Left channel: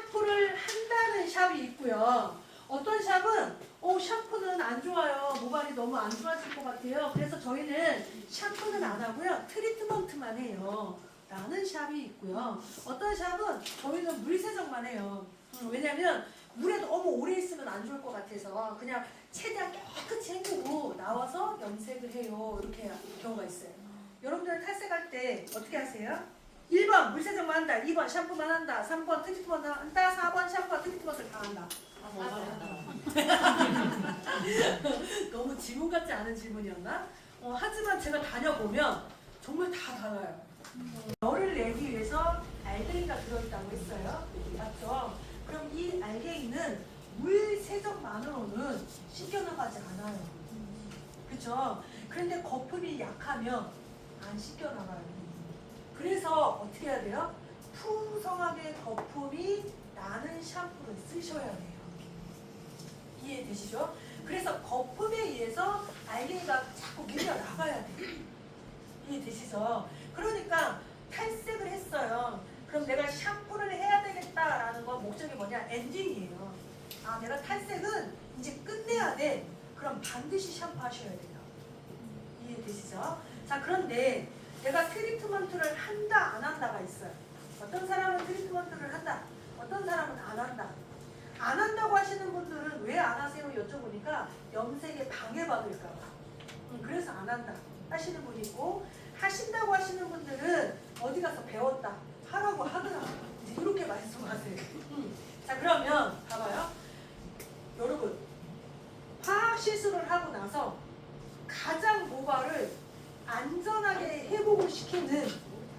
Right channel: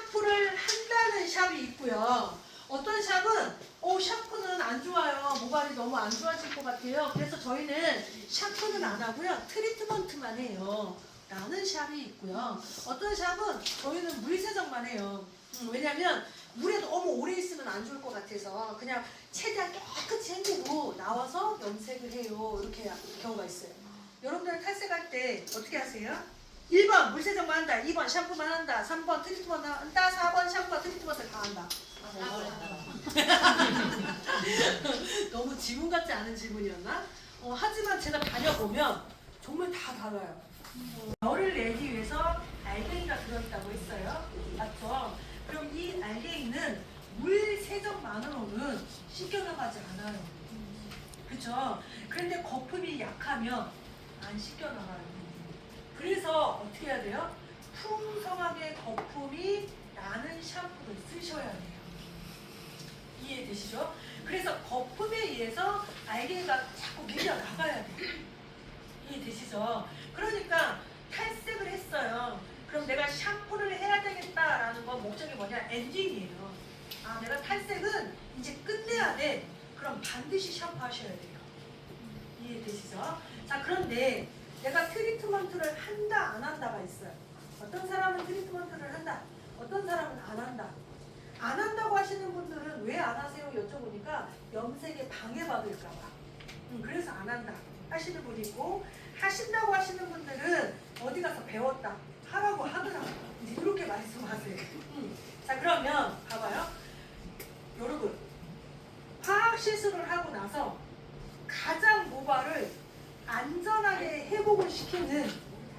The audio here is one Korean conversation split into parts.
샴푸를 한다는 샵이 있고요. 어떤 샵은 샴푸는 안 좋아요. 모발이 너무 안 좋아질 것 같아요. 그래서 저희는 샴푸는 안 하고요. 트리트먼트만 해요. 라는 샵이 있고요. 어떤 샵은 저희는 물세정만 해요. 왜냐면 물에 너무 오래 있으면 안 좋을 것 같아서 그냥 최대한 깨끗이 헹구고 나와서 염색을 해요. 이렇게 경우가 있어요. 여러분들 탈색할 때 어떻게 하세요? 1번 물세정만 한다, 2번 샴푸만 한다, 3번 트리트먼트 한다, 4번 샴푸와 트리트먼트를 다 한다. 너무 질문 같지 않은 질문이었나? 하지만 제가 다녀보면 정말 다 달라요. 열을 내기 위해서 알갱이가 들어있다고 했어요. 맞죠? 그럼 이 알갱이는 물 세정만으로는 씻겨나가지 않아요. 그렇죠? 그런데 거품이 약하면 안 씻겨나가요. 그래서 어떻게 해야 돼요? 풍성하게 거품이 나는 샴푸를 쓰셔야 돼요. 이해되시죠? 그래서 거품에 의해서 알갱이가 자꾸 밀려 나가야 돼요. 이해되시죠? 그러니까 탈색을 했어요. 그럼 내가 샴푸를 해야 되겠다라는 건 목적이 뭐냐? 엔딩이에요. 내가 탈색은 이제 끝내야 돼. 그럼 반드시 샴푸 하셔야 돼요. 이해되시죠? 자, 그런데 내가 트리트먼트를 한다 안 한다가 있어요. 어떤 사람은 트리트먼트를 한다, 어떤 사람은 안 한다. 안 한다고 하시는 분들은 왜 안 하세요? 여쭤보니까 염색에 방해받을까 봐. 그래서 안 한다 하시는 분이 있고, 하신다고 하시는 분들은 어디 가서 배웠다 하라고 하더라고요. 이제 이렇게 말씀하세요. 자, 그러면 봐봐요. 여러분, 화학 시술을 하고 나서 가장 모발을 안전하게 회복을 시키는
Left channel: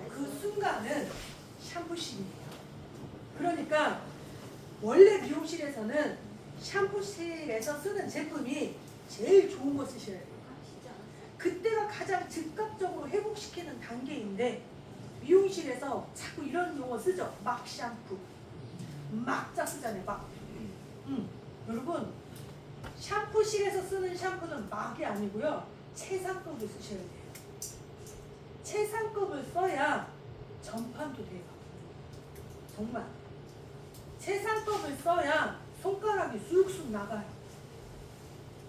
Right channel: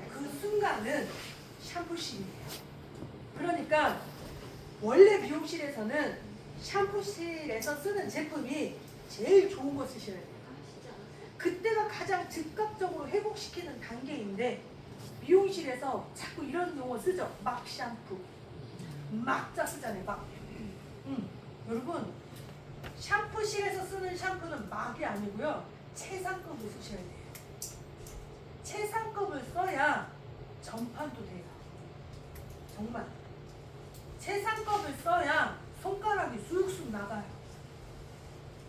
그 순간은 샴푸실이에요. 그러니까 원래 미용실에서는 샴푸실에서 쓰는 제품이 제일 좋은 거 쓰셔야 돼요. 그때가 가장 즉각적으로 회복시키는 단계인데 미용실에서 자꾸 이런 용어 쓰죠. 막 샴푸. 막자 쓰잖아요. 막. 여러분, 샴푸실에서 쓰는 샴푸는 막이 아니고요. 최상급을 쓰셔야 돼요. 최상급을 써야 전판도 돼요. 정말. 최상급을 써야 손가락이 쑥쑥 나가요.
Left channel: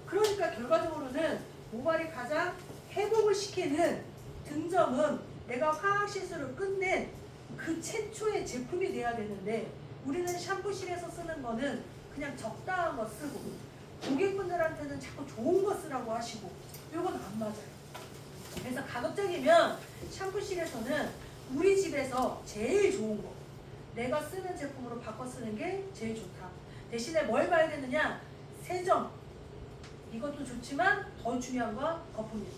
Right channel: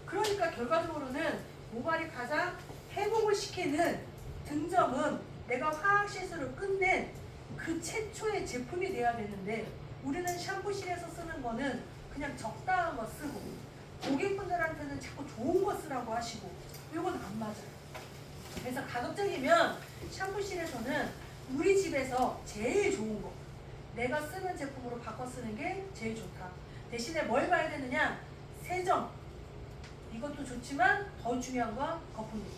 그러니까 결과적으로는 모발이 가장 회복을 시키는 등점은 내가 화학 시술을 끝낸 그 최초의 제품이 돼야 되는데, 우리는 샴푸실에서 쓰는 거는 그냥 적당한 거 쓰고 고객분들한테는 자꾸 좋은 거 쓰라고 하시고, 이건 안 맞아요. 그래서 가급적이면 샴푸실에서는 우리 집에서 제일 좋은 거, 내가 쓰는 제품으로 바꿔 쓰는 게 제일 좋다. 대신에 뭘 봐야 되느냐? 세정. 이것도 좋지만 더 중요한 건 거품입니다.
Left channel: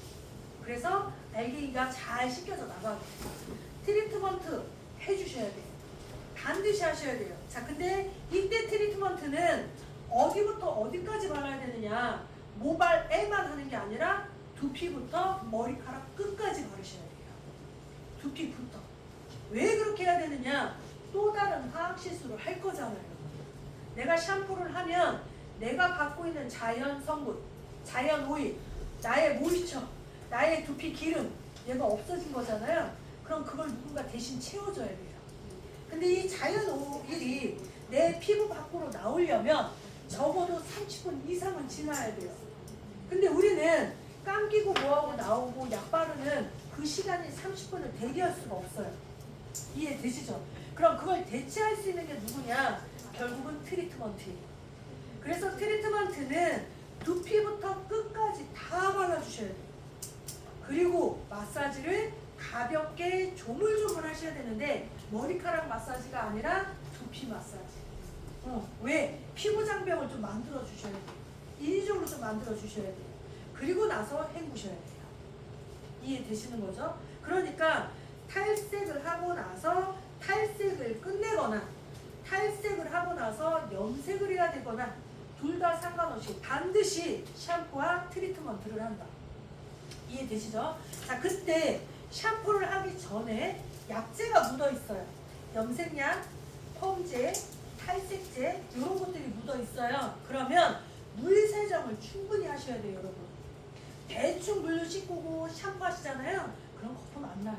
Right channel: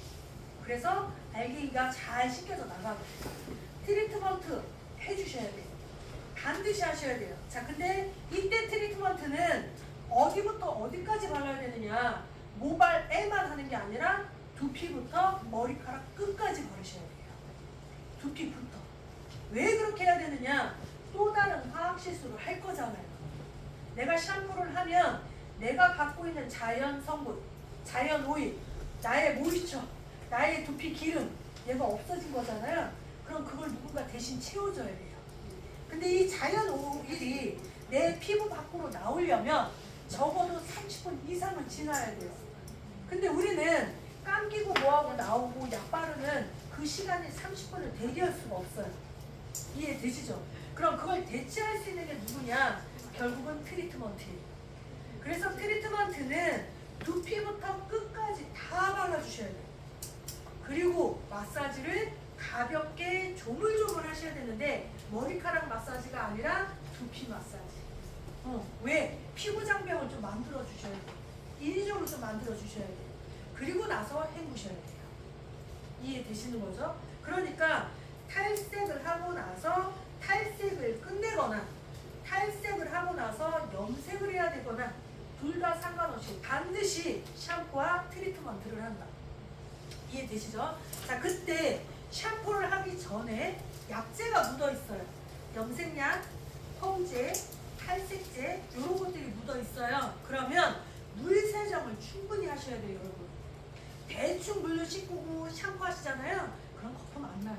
그래서 알갱이가 잘 씻겨져 나가고, 트리트먼트 해주셔야 돼요. 반드시 하셔야 돼요. 자, 근데 이때 트리트먼트는 어디부터 어디까지 발라야 되느냐? 모발에만 하는 게 아니라 두피부터 머리카락 끝까지 바르셔야 돼요. 두피부터. 왜 그렇게 해야 되느냐? 또 다른 화학 시술을 할 거잖아요. 내가 샴푸를 하면 내가 갖고 있는 자연 성분, 자연 오일, 나의 모이스처, 나의 두피 기름, 얘가 없어진 거잖아요. 그럼 그걸 누군가 대신 채워줘야 돼요. 근데 이 자연 오일이 내 피부 밖으로 나오려면 적어도 30분 이상은 지나야 돼요. 근데 우리는 감기고 뭐하고 나오고 약 바르면 그 시간이 30분을 대기할 수가 없어요. 이해되시죠? 그럼 그걸 대체할 수 있는 게 누구냐? 결국은 트리트먼트예요. 그래서 트리트먼트는 두피부터 끝까지 다 발라주셔야 돼요. 그리고 마사지를 가볍게 조물조물 하셔야 되는데, 머리카락 마사지가 아니라 두피 마사지. 왜? 피부 장벽을 좀 만들어 주셔야 돼요. 인위적으로 좀 만들어 주셔야 돼요. 그리고 나서 헹구셔야 돼요. 이해되시는 거죠? 그러니까 탈색을 하고 나서 탈색을 끝내거나 탈색을 하고 나서 염색을 해야 되거나 둘 다 상관없이 반드시 샴푸와 트리트먼트를 한다. 이해되시죠? 자, 그때 샴푸를 하기 전에 약재가 묻어 있어요. 염색약, 폼제, 탈색제, 이런 것들이 묻어 있어요. 그러면 물 세정을 충분히 하셔야 돼요, 여러분. 대충 물로 씻고 샴푸 하시잖아요. 그럼 거품 안 나요.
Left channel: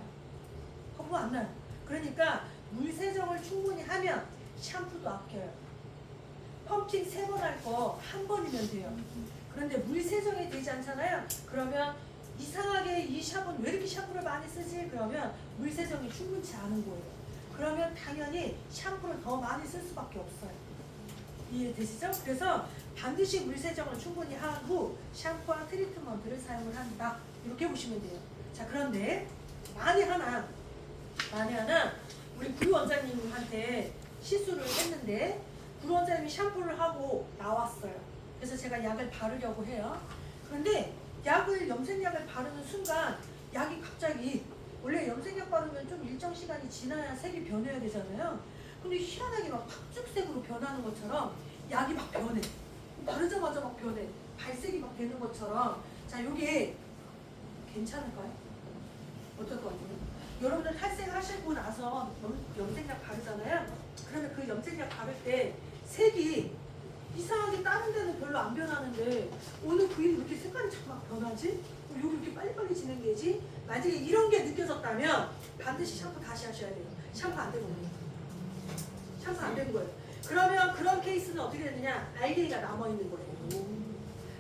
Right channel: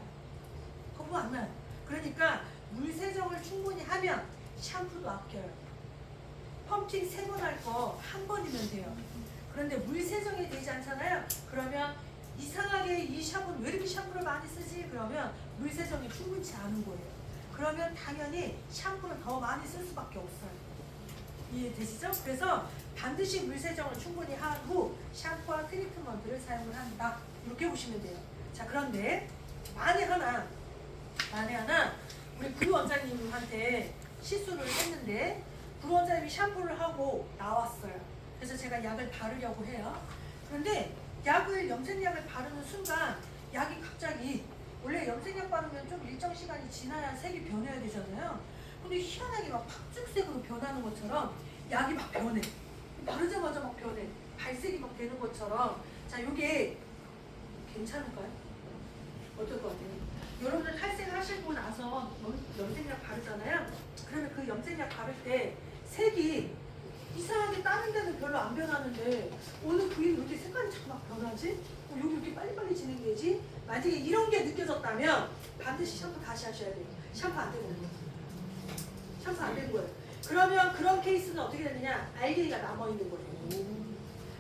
거품 안 나요. 그러니까 물 세정을 충분히 하면 샴푸도 아껴요. 펌핑 3번 할 거 한 번이면 돼요. 그런데 물 세정이 되지 않잖아요. 그러면 이상하게 이 샵은 왜 이렇게 샴푸를 많이 쓰지? 그러면 물 세정이 충분치 않은 거예요. 그러면 당연히 샴푸를 더 많이 쓸 수밖에 없어요. 이해되시죠? 그래서 반드시 물 세정을 충분히 한 후 샴푸와 트리트먼트를 사용을 한다. 이렇게 보시면 돼요. 자, 그런데 만에 하나 우리 구 원장님한테 시술을 했는데 구 원장님이 샴푸를 하고 나왔어요. 그래서 제가 약을 바르려고 해요. 그런데 염색약을 바르는 순간 약이 갑자기, 원래 염색약 바르면 좀 일정 시간이 지나야 색이 변해야 되잖아요. 근데 희한하게 막 팥죽색으로 변하는 것처럼 약이 막 변해. 바르자마자 막 변해. 갈색이 막 되는 것처럼. 자, 이게 괜찮을까요? 어떨 것 같아요? 여러분들 탈색하시고 나서 염색약 바르잖아요. 그러면 그 염색약 바를 때 색이 이상하게 다른 데는 별로 안 변하는데 어느 부위는 왜 이렇게 색깔이 자꾸 막 변하지? 여기 이렇게 빨리빨리 진행되지? 만약에 이런 게 느껴졌다면 반드시 샴푸 다시 하셔야 돼요. 샴푸 안 되는 거예요. 샴푸 안 되는 거예요. 그러면 그런 케이스는 어떻게 되느냐? 알갱이가 남아있는 거예요.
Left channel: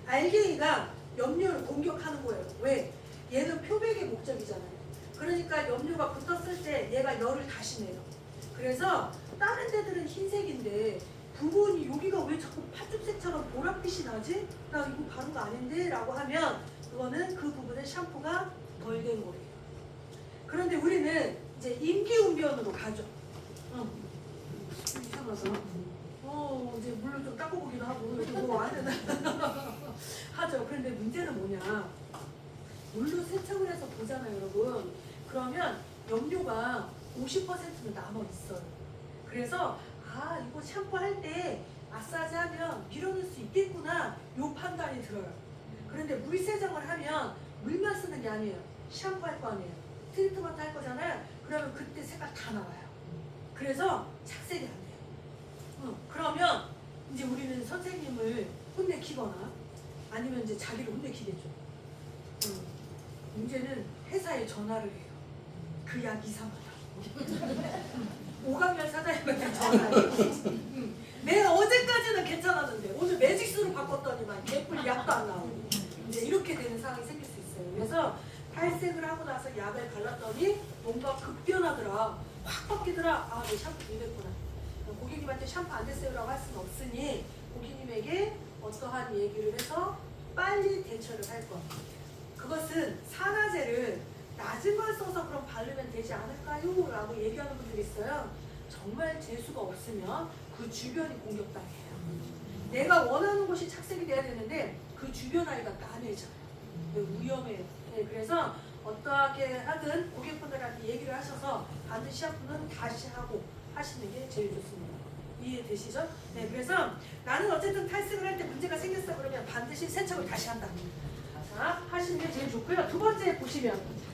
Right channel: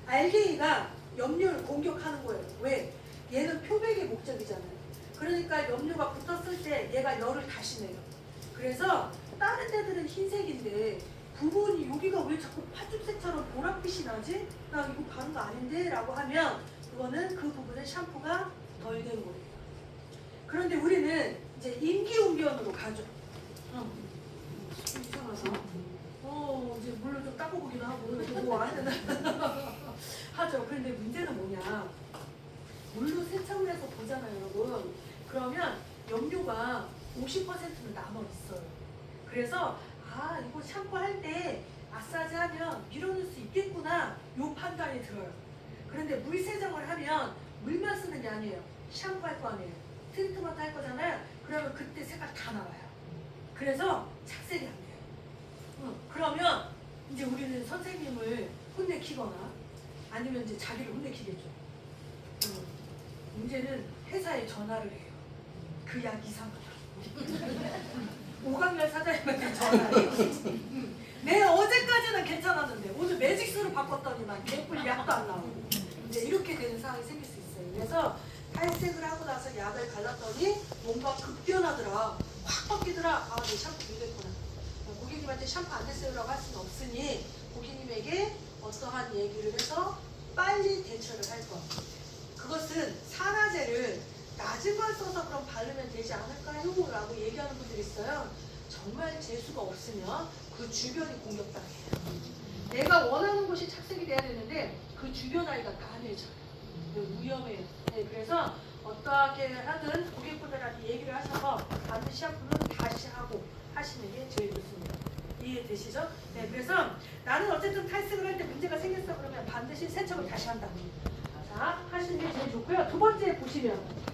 알갱이가 염료를 공격하는 거예요. 왜? 얘는 표백의 목적이잖아요. 그러니까 염료가 붙었을 때 얘가 열을 다시 내요. 그래서 다른 데들은 흰색인데 부분이 여기가 왜 자꾸 팥죽색처럼 보랏빛이 나지? 나 이거 바른 거 아닌데? 라고 하면 그거는 그 부분에 샴푸가 덜 된 거예요. 그런데 우리는 이제 임기응변으로 가죠. 이상하다. 이제 물로 좀 닦고 보기도 하고 뭐 하는 하죠. 그런데 문제는 뭐냐? 물로 세척을 해서 보잖아요, 여러분. 그러면 염료가 50%는 남아 있어요. 그래서 이거 샴푸할 때 마사지 하면 밀어낼 수 있겠구나, 요 판단이 들어요. 그런데 물 세정을 하면 물만 쓰는 게 아니에요. 샴푸할 거 아니에요. 트리트먼트 할 거잖아요. 그러면 그때 색깔 다 나와요. 그래서 착색이 안 돼요. 그러면 이제 우리는 선생님을 혼내키거나 아니면 이제 자기를 혼내키겠죠. 문제는 회사에 전화를 해요. 그 약 이상하다. 오강렬 사장님한테 전화해. 내가 어제까지는 괜찮았는데 오늘 매직스로 바꿨더니만 개뿔 약도 안 나오고 이제 이렇게 되는 상황이 생길 수 있어요. 그래서 탈색을 하고 나서 약을 발랐더니 뭔가 급변하더라. 확 바뀌더라. 내 샴푸 됐구나. 고객님한테 샴푸 안 됐어요라고 할 수는 없으니 고객님에게 어떠한 얘기를 해서 빨리 대처를 할 것. 그것은 산화제를 낮은 걸 써서 그럼 바르면 되지 않을까요? 라고 얘기하는 분들이 있어요. 정말 재수가 없으면 그 주변이 공격당해요. 내가 원하는 곳이 착색이 돼야 되는데 그 주변 아이가 까매져요. 위험해요. 그래서 어떠하게 하든 고객분들한테 얘기를 하셔서 반드시 샴푸는 다시 하고 하시는 게 제일 좋습니다. 이해되시죠? 그래서 나는 어쨌든 탈색을 할 때 문제가 생겼어 그러면 반드시 세척을 다시 한다. 자, 하시는 게 제일 좋고요. 두 번째 보시면